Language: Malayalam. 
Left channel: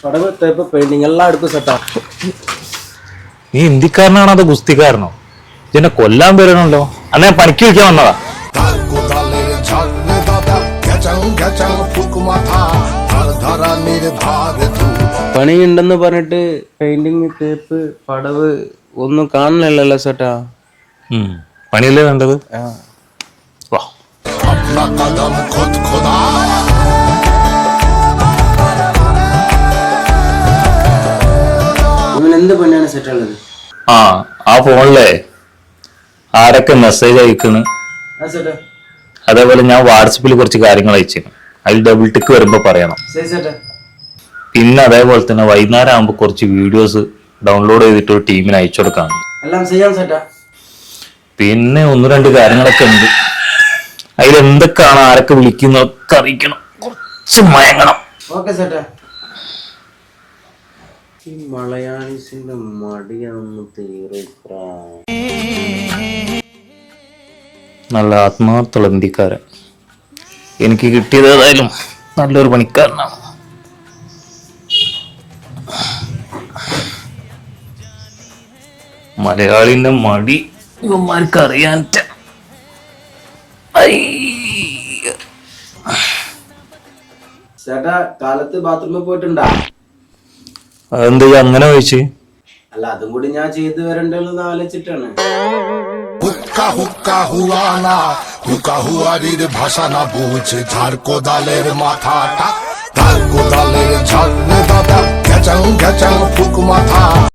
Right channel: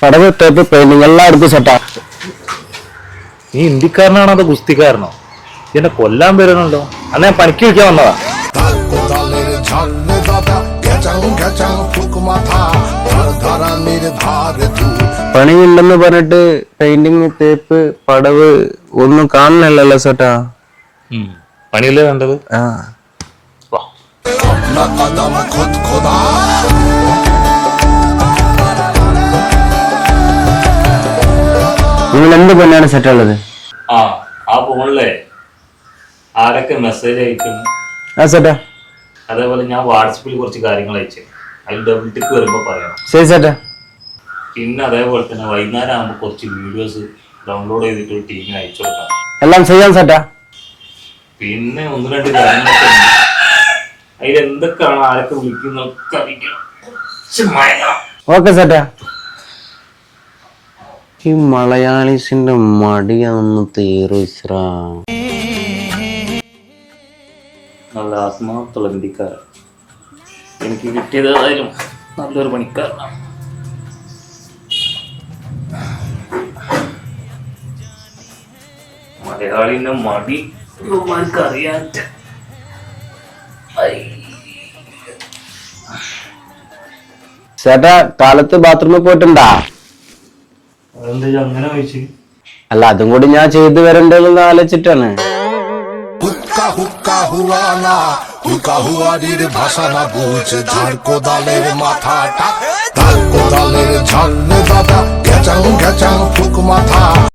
പടവ് ടേപ്പ് പെയിന്റിങ് എല്ലാവർക്കും സെറ്റാ. നീ ഇന്ത്യക്കാരനാണോ അതോ ഗുസ്തിക്കാരനോ? എന്നെ കൊല്ലാൻ വരണല്ലോ. അന്ന് ഞാൻ പണിക്ക് വയ്ക്കാൻ വന്നതാ. പണിയുണ്ടെന്ന് പറഞ്ഞിട്ട് പെയിന്റിങ് ടേപ്പ് പടവ് ഒന്നും കാണുന്നില്ലല്ലോ സെട്ടാ. പണിയല്ലേ വേണ്ടത്? നിങ്ങൾ എന്ത് പണിയാണ് സെറ്റുള്ളത്? ആ ഫോണിലെ ആരൊക്കെ മെസ്സേജ് അയക്കുന്നു സെറ്റാ. അതേപോലെ ഞാൻ വാട്സപ്പിൽ കുറച്ച് കാര്യങ്ങൾ അയച്ചു. അതിൽ ഡബിൾ ടിക്ക് വരുമ്പോ പറയണം. ശരി സെറ്റാ. പിന്നെ അതേപോലെ തന്നെ വൈകുന്നേരം ആകുമ്പോ കുറച്ച് വീഡിയോസ് ഡൗൺലോഡ് ചെയ്തിട്ട് ഒരു ടീമിന് അയച്ചു കൊടുക്കാം. എല്ലാം ചെയ്യാൻ സെറ്റാ. പിന്നെ ഒന്ന് രണ്ട് കാര്യങ്ങളൊക്കെ ഉണ്ട്. അതിലെന്തൊക്കെയാണ് ആരൊക്കെ വിളിക്കുന്നൊക്കെ അറിയിക്കണം. കുറച്ച് മയങ്ങണം. ഓക്കെ സെറ്റാ. ഈ മലയാളീസിന്റെ മടിയാണെന്ന് തീർച്ച. നല്ല ആത്മാർത്ഥമുള്ള ഇന്ത്യക്കാരൻ. എനിക്ക് കിട്ടിയത് ഏതായാലും നല്ലൊരു പണിക്കാരനാണ്. മലയാളിന്റെ മടി ഇവന്മാർക്ക് അറിയാൻ. ചേട്ടാ കാലത്ത് ബാത്റൂമിൽ പോയിട്ടുണ്ടാ? അതെന്താ അങ്ങനെ ചോദിച്ചു? അല്ല അതും കൂടി ഞാൻ ചെയ്തു വരണ്ടെന്ന് ആലോചിച്ചിട്ടാണ്. ভাষা না বুঝে ঝাড় কোদালের মাথাটা, ধার কোদালের ঝাড় দাদা, ঘেচাং ঘেচাং ফুক মাথা।